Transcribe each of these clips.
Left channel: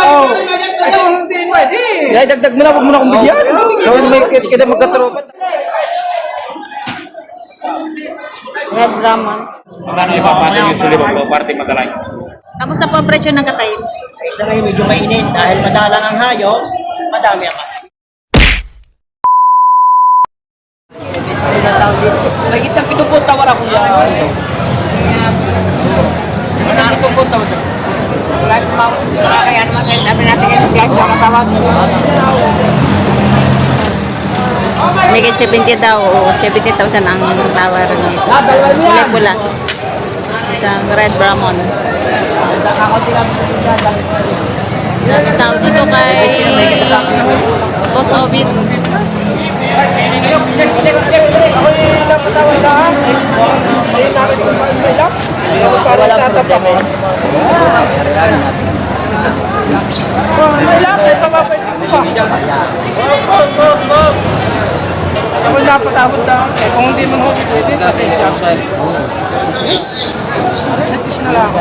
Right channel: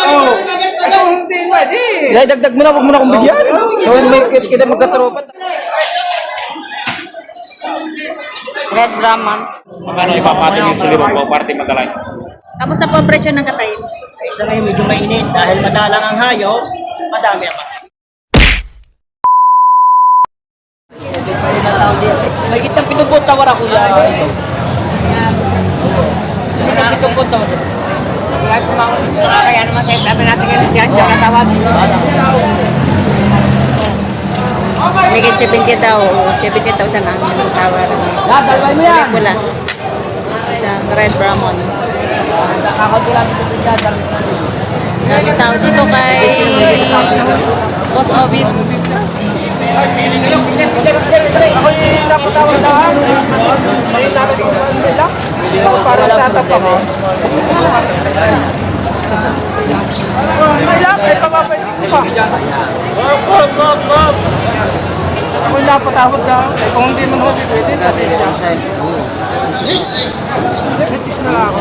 Oh, hindi pwede. Ay, dagdag mo na, huwag mo na akong bigyan. Gawin mo yung kita magkatropa. Red Brahman. Magkano ipapatin yung silibong po, party Magalay? Kamusta po ang presyo ng katayin? Isa ngayon medyo mainit dahil madalang ang hayop, madami ang mga. May kitang pinupunta ko na kuya. Kita na pinupunta ko. Wala tumawag. Kaya naman sa'yo, dami natin yung class yung natawag. May 70 daw, 70,000 ang tawaran. Pula-pula. Isang Red Brahman. Daming tao dito kay Boss Ovid. Ako yung napatawag lang. Ay, sabi ko ba may lang? Parang tatapa ko. May lang, ay papapaitin ko pa. Ako yung napatawag lang. Eh, kung hindi man ako pwede, kasi siya. Natis na lang ako.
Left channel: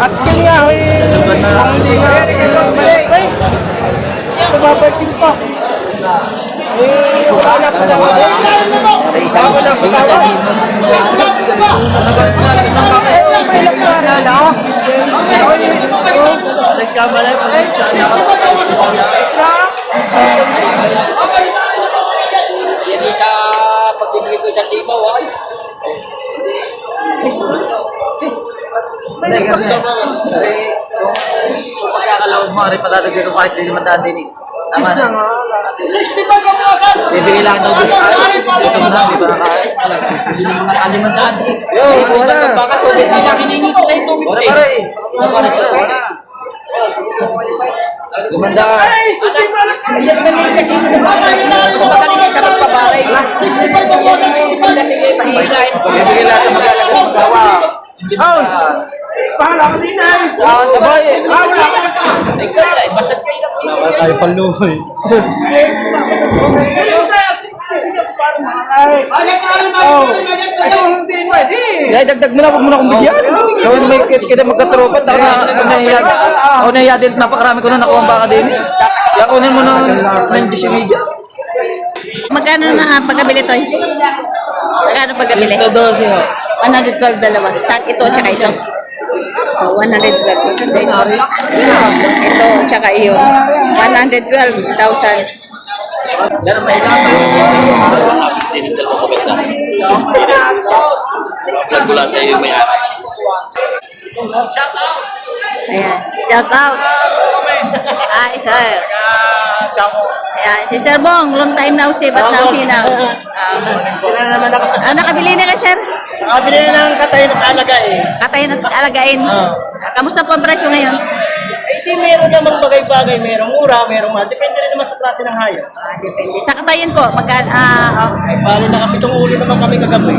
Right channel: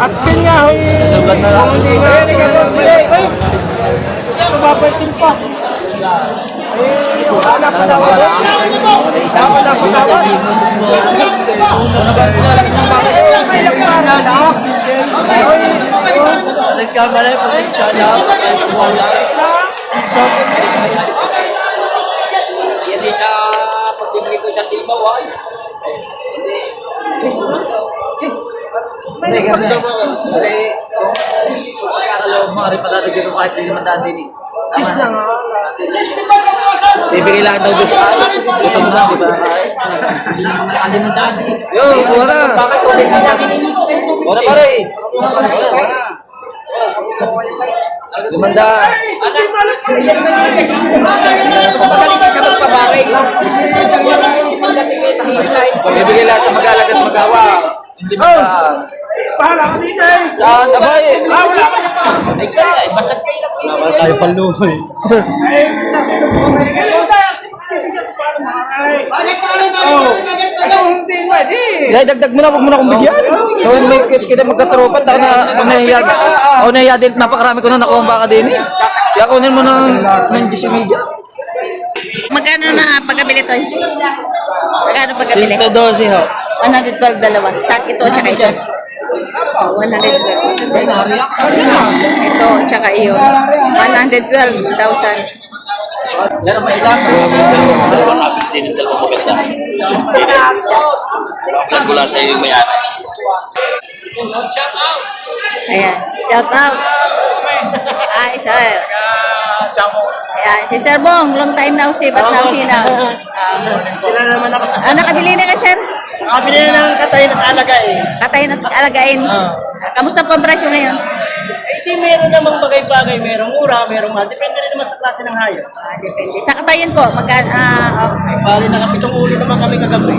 At yun nga, kung hindi nga may pay, papapaitin pa. Eh, wala na patawad. Ako na patawad. Kung nabalik na lang ng mga may lang na sa Nagkamalay po siya na. Yan sa pagbibili ko sa libaw ay. Hindi kasi, kung pagkakalawag mo, rin patadagyan ko kahit hindi naman daan din eh. Tama na. Bibigay lang daw doon. Gutom na, di ba nakain? Hindi naman mga kalimandaan. Yo, wala. Baka tubig mo na hinihingi ko sa'yo tubig. Wala pare. Wala. Gumanda. Magaling na siya magpabaray. Bibigay lang sa maglalagay at magawa. Oh! Pahala ka din eh! Wala ka! Ay, basta kayo lang. Wala tayo panluhoy. Oh! Ay, hindi pwede! Ay, dagdag mo na, huwag mo na akong bigyan. Gawin mo yung kita magkatropa. Ako nahiya din, napakarami ko na nakuha ang baka din. Kaya kunin mo ng disimedya. Magkano na pagkabili to? Magkano pagkabili? Ito 12 ha. 112 dalawa. Sa ito tsaka ito. Oh, 112. Ito tsaka iyon. 112,000. Ayan. Shout out. Hi, sir. Ayan, si Sir Bong, long time now see, but now see now. Nakabili na ka, sir? Nakabili na ng katay at alagain. Katay na alagain. Kamusta po ang presyo ngayon? Eh, di meron namang bagay-bagay, merong mura, merong mahal. Depende rin naman sa klase ng hayop. Depende. Sa katayin po, Ay, bali nakapitong ulo naman kami kagabi.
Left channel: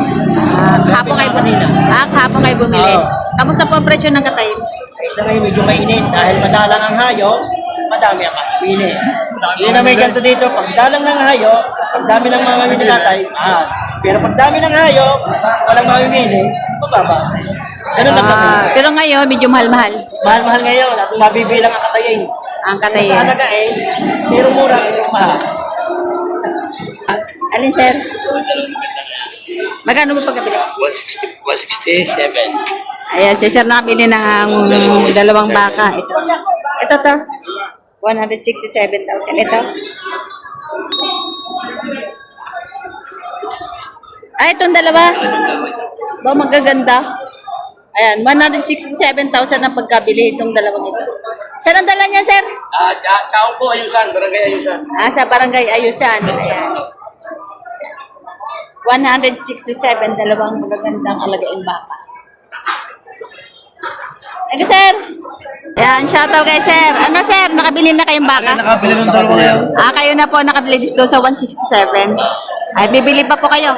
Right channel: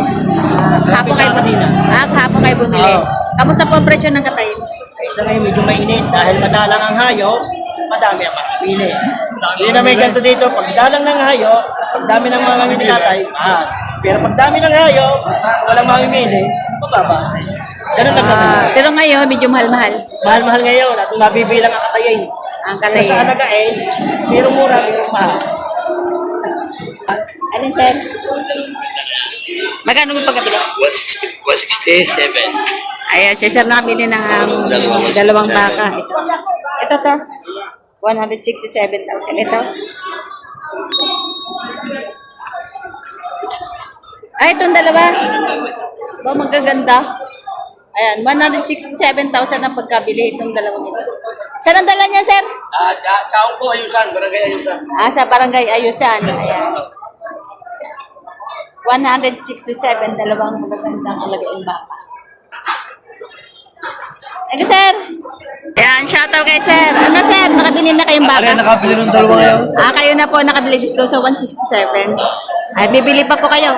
kahapon kayo bumili. Kahapon kayo bumili. Oo. Kamusta po ang presyo ng katayin? Isa ngayon medyo mainit dahil madalang ang hayop, madami ang makipili. Yun na may ganito dito, pag dalang ng hayop, pag dami ng mga mamimili katay, mahal. Pero pag dami ng hayop, walang mamimili, mababa. Ganun lang kami. Pero ngayon, medyo mahal-mahal. Mahal-mahal ngayon at mabibilang ang katayin. Ang Pero sa katayin. alagain, merong mura, merong mahal. Alin, sir? Magkano mo pagkabili? 167. Ayan, si sir nakabili ng dalawang baka. Ito. Ito to. 167,000. Ito. Ay, itong dalawa. Ba, magaganda. Ayan, 167,000 ang pagkabili itong dalawang ito. Saan ang dala niya, sir? Taong po, Ayusan, Barangay Ayusan. Sa Barangay Ayusan. Ayan. 167, dalawang magagandang alagaing baka. Ano, sir? Ayan, shoutout kay sir. Ano, sir? Nakabili na kayong baka? Nakabili ng dalawa ngayon. Kayo na po nakabili dito sa 167. Ay, bibili pa po kayo.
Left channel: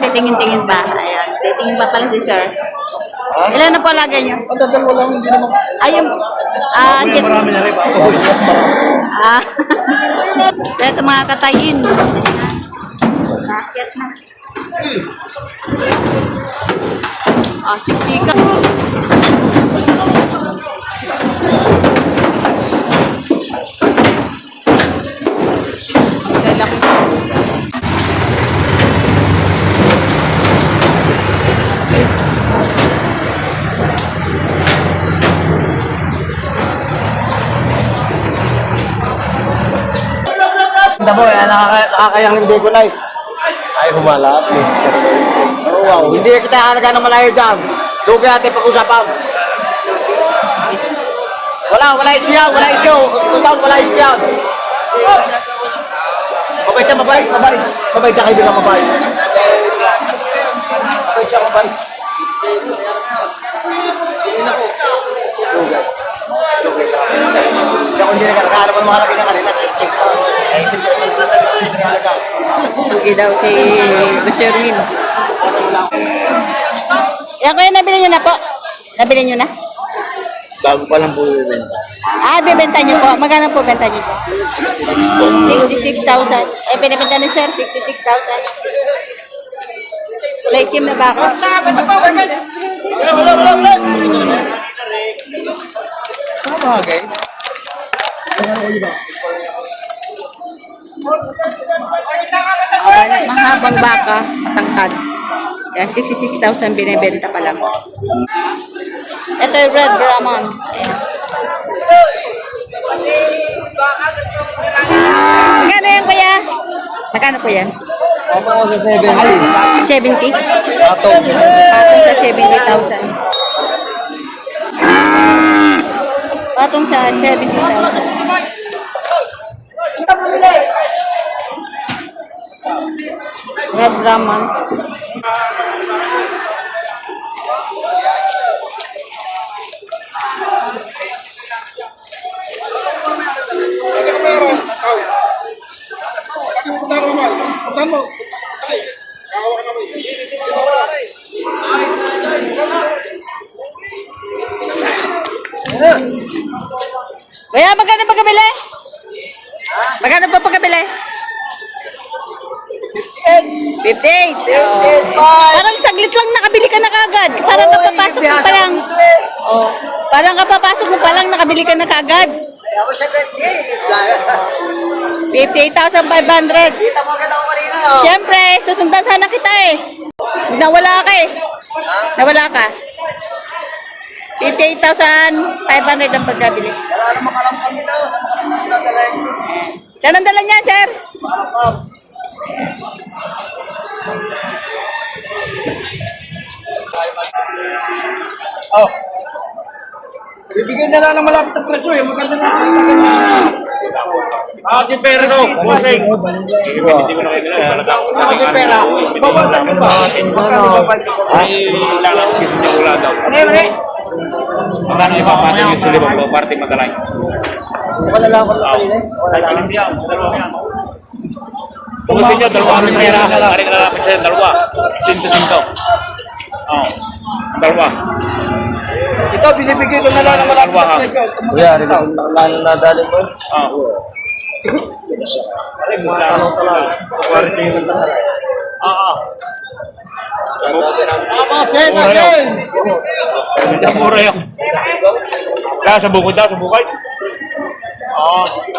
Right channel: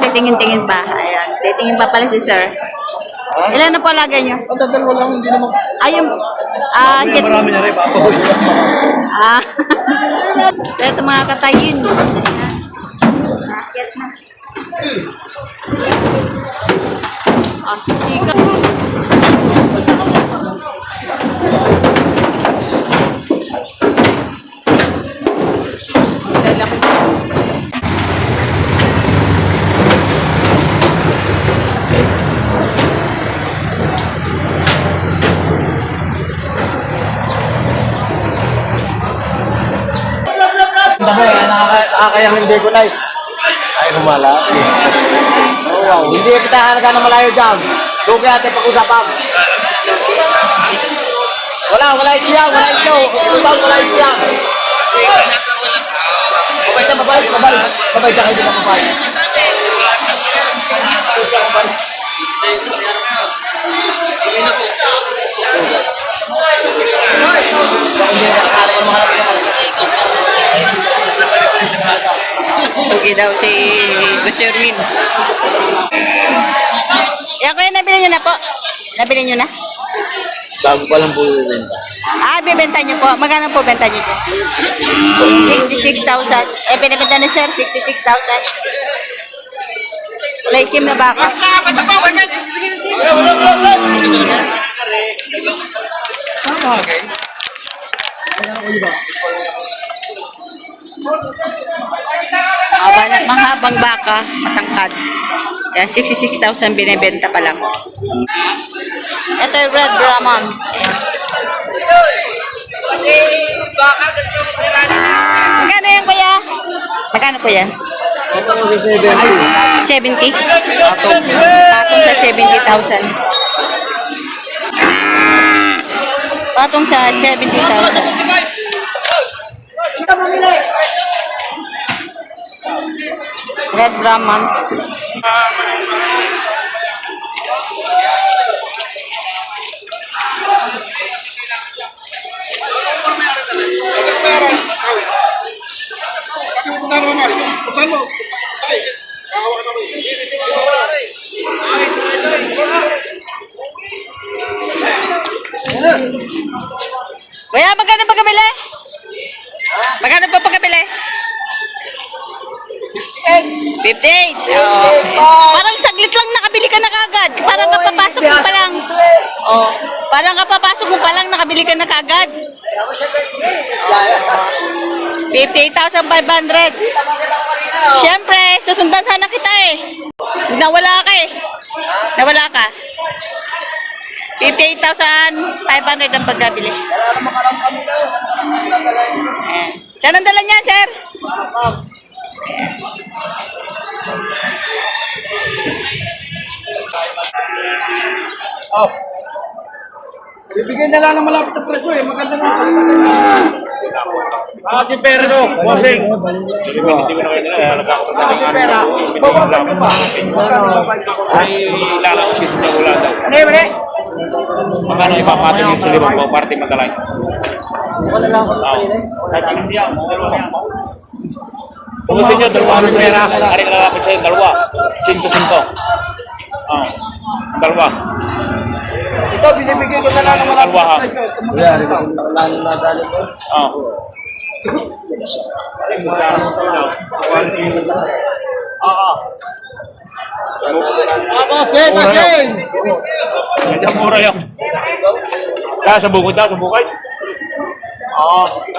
Titingin-tingin pa. Ayan, titingin pa pala si sir. Ilan na po lagay niyo? Ang dalawa lang, hindi naman. Ayun. Marami na rin, papahoy. Ito mga katayin. Nakakit na. Sisika. kaya hindi ko na. Ay, humala. Oh, wow. Hindi kita halaga ng malayo dyan. Doon kaya natin pag-usapan. Wala isya. Wala isya. Mabay siya, mabay. Mabay siya, kaibigan, mabay. Kung hindi nakakala ko ng mga natin kanina. Tugi daw si Basirwin. Yan kuya, nabili nyo na po. Nabili nyo na? Bago pa lang po bibenta. Bibenta nyo po. Magkano po benta nyo dyan? 66,000. Binibenta na sir, 66,000. Laikim na ba ako? Mahabang baka, matangkad. Kaya 66,000 binibenta pa lang. Ito yung Red Brahman. Ayan. Magkano yan kuya? Magkano po yan? 70? Patong sa 70,000. Patong sa 70,000. Red Brahman. Kuya, magkano pagkabili? Magkano pa pagkabili? 58. Parang saglit lang nakabili ka na kagad. Parang kapapasok mo pa lang. Oh, parang kapapasok mo pa lang nakabili ka na kagad. 58,500. Siyempre, susundan sana kita eh. Nawala ka eh. Nawala ka. 58,500 ang pagkabili. Saan ang dala niyan, sir? Oh. Bibigyan na lang ng malapit na presyo eh. Maganda na Yung pera no, bossing. Hindi ko na kaya nalaga ko sa aking ano. Ay, lalapit kasi niya wala daw. Magkano ipapatong yung silibang po, party Magalay? Kahit alam yan, sa dalawang yan. Kung gusto nyo, dalawa kami pera. Ari ka lalapit sa'yo, dalawa. Sinto. Dalawa. Ito, binibigay ko na lang ng malapit Dalawa na ha. presyo. Yan, nakalano na dali po. Mura yan. Sa bukod daw, sa bukay.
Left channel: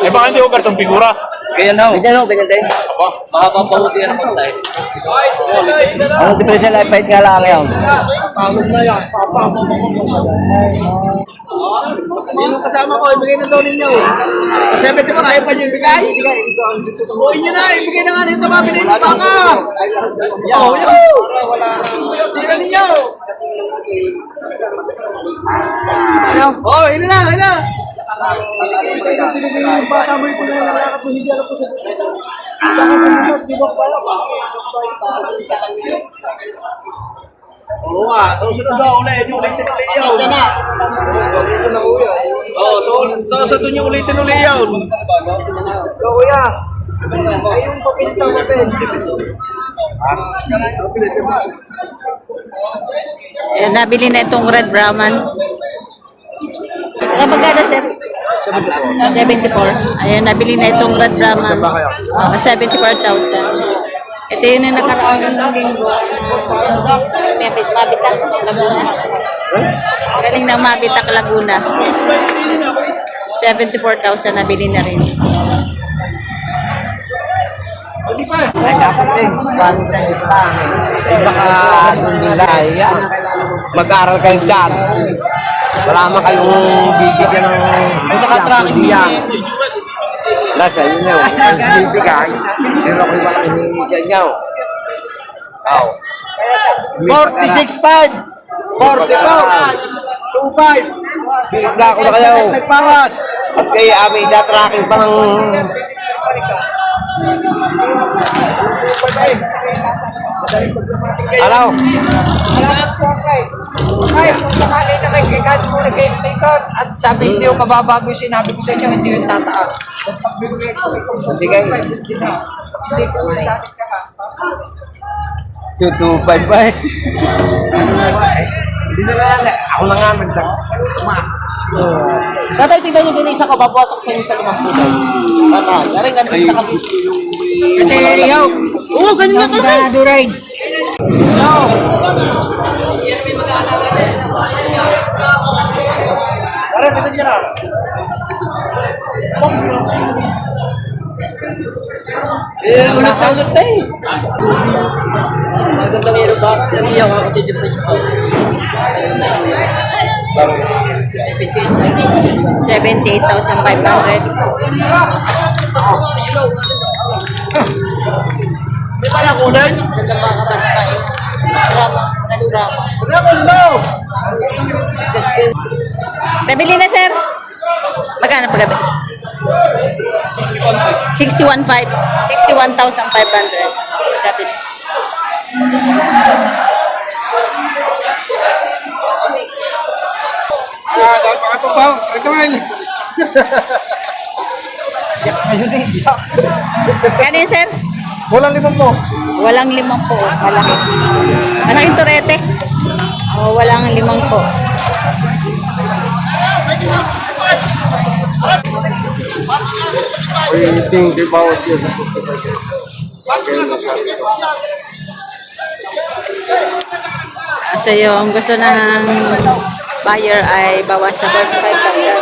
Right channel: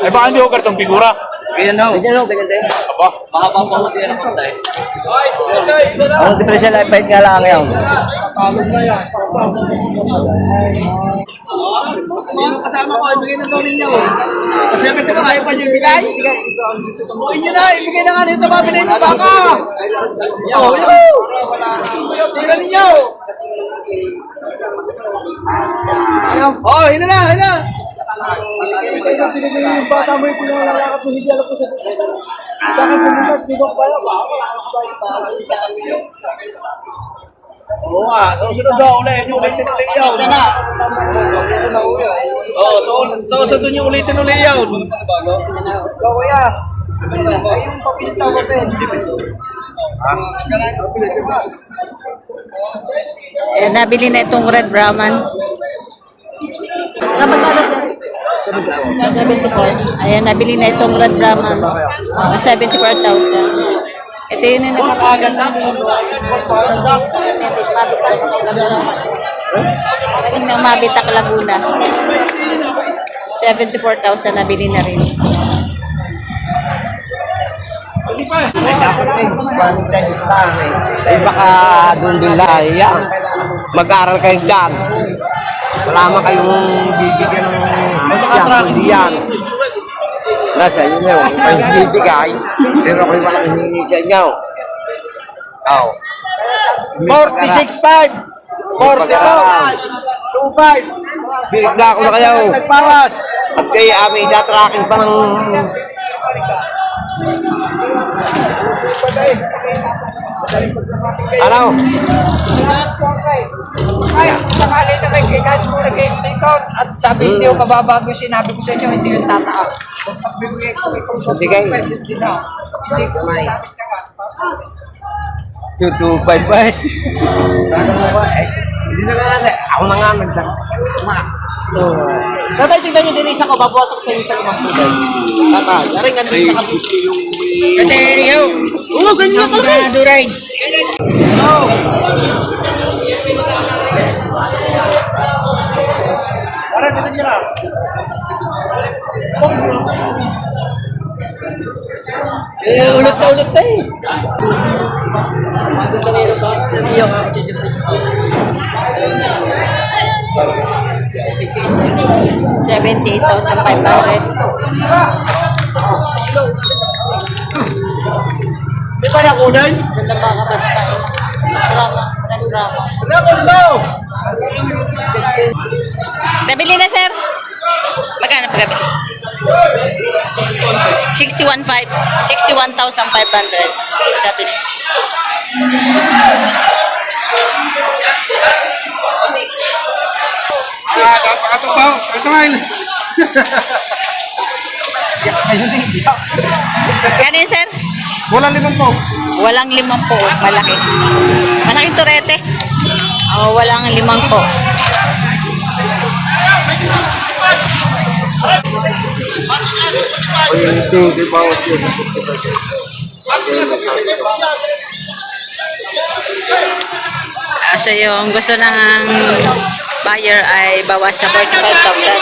Eh baka hindi ko kartong figura. Ganyan ho, ganyan din. Apa? Makapapahuti yan po tayo. Ang differential life height nga lang yan. Yung kasama ko, ibigay na daw ninyo. Kasi pwede pa tayo pa nyo ibigay. Buuin nyo na, ibigay na nga nito mga pinay ng baka. Oh, yun. Ibigay ninyo. Oh, hila na, hila. Baka mo ito na nakakap mo, hindi alam ko sa oo nga, susunod daw ulit yung ulitin ulit yun. Oo, susunod yung ulitin ulit yun. Go kuya. Ayun, papinta ko pen. Nabili na itong Red Brahman. Magkano sir? 74. Ayan, nabili na itong Red Brahman. 74,000. Ito yun yung nakaraan ng linggo. Mabitak, Laguna. Galing ng Mabitak, Laguna. 74,000 nabili na rin. Ay, dapat rin. Bago tayo pa. Ay, baka nandulay. Mag-aaral kayo dyan. Wala man kayong bibigyan ng kundi yan. Nasa inyo na yun. Kung hindi bigay, pero kung naman hihingi sa inyo. 46.5. 44. 25. Bigla ko na kayo. Nagpawas. At kaya amin na-tracking pa ng... Ano? Ay, kung sakali na may kahit mo nag-ikot at sabi hindi yung mababago yung sinabi ko sa inyo, hindi yung tataas. Kung pagbibigay ko, hindi na. Hindi ko yung dating ka nga. 225 ba eh? Hindi na nga. Ako na nga nagdag. Tatay, tignan niyo din isa ko, babawasok sa inyo sa 5 puto. Tatay, yaring ganun na kami. Kateriyo! Oo, ganyan ka na. Duray! Parang dito dyan ah. Ulit-ulit na eh. 78,500. May kaya kunan? Ganda baka ba na kain? Drama, drama. Nabili na, sir? Magkano paggabi? 61,500. 61,500. Paggabi. Pakatubaw. Ito nga yun. Kano yun, sir? Walang 5 mo. Walang 5 po. Malaki. Malaking turete. Oh, walang 5 po. Ay, ito, di bawat yun. So yung gusto ng buyer ay bawas sa 45,000.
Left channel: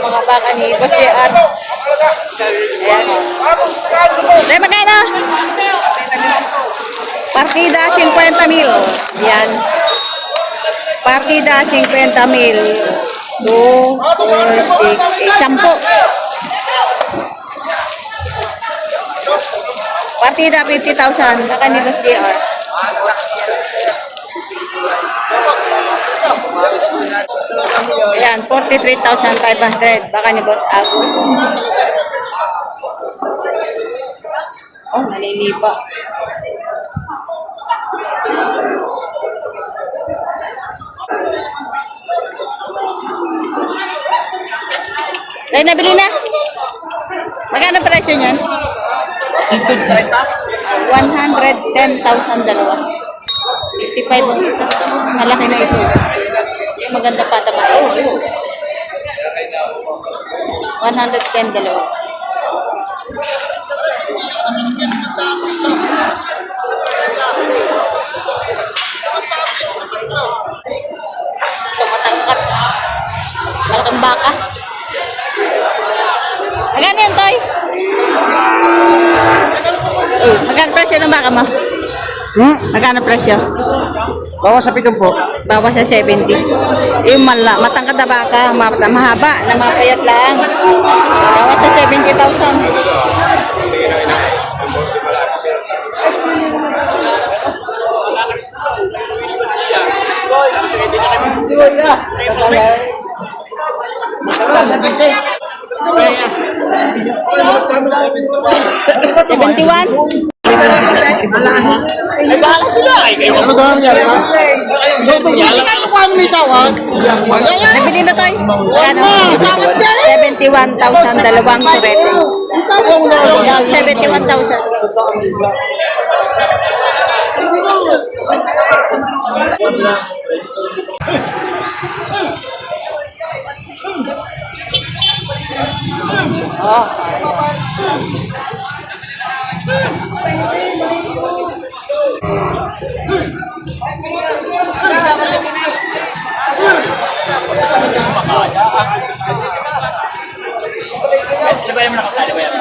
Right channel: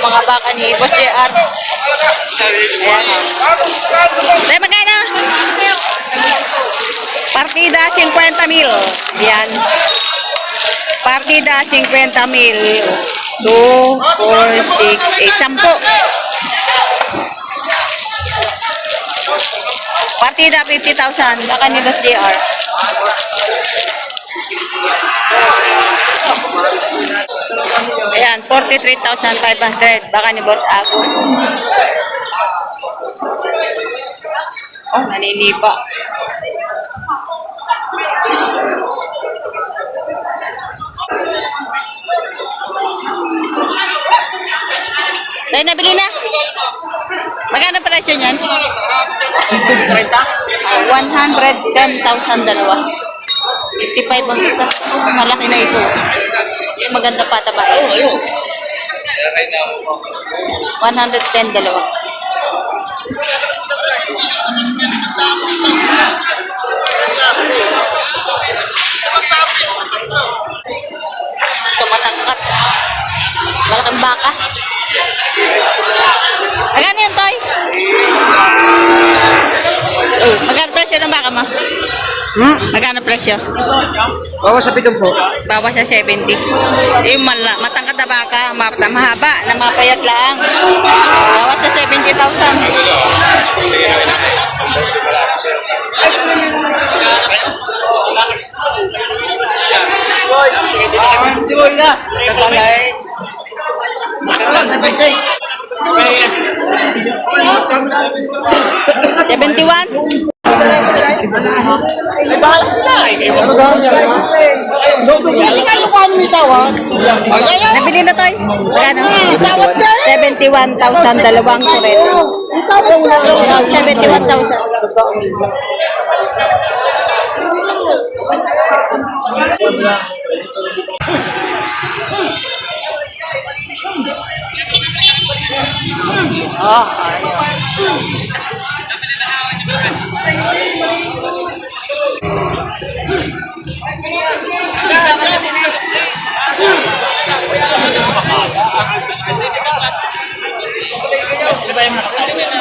Yung mga baka ni Boss JR. Ayan. Dahil magkano? Partida 50,000. Ayan. Partida 50,000. 2, 4, 6, 8, 10. Partida 50,000. Baka ni Boss JR. Ayan, 43,500. Baka ni Boss Ago. Oh, naninipa. Tayo nabili na. Magkano presyo niyan? 110,000 dalawa. 55 ang isa. Malaki na ito. Yung maganda pa taba. 110 dalawa. Ito matangkat. Malaking baka. Magkano yan, Toy? Magkano presyo ng baka mo? Magkano presyo? Bawas sa 7 po. Bawas sa 70. Yung matangkad na baka, mahaba, na mapayat lang. Bawas sa 70,000. Tuloy na. Tatalay. 71? Nabili na tayo. 71,000 dalawang suret. 71,000. Oh, ayun. Ano ba yung nakakaya ba yan?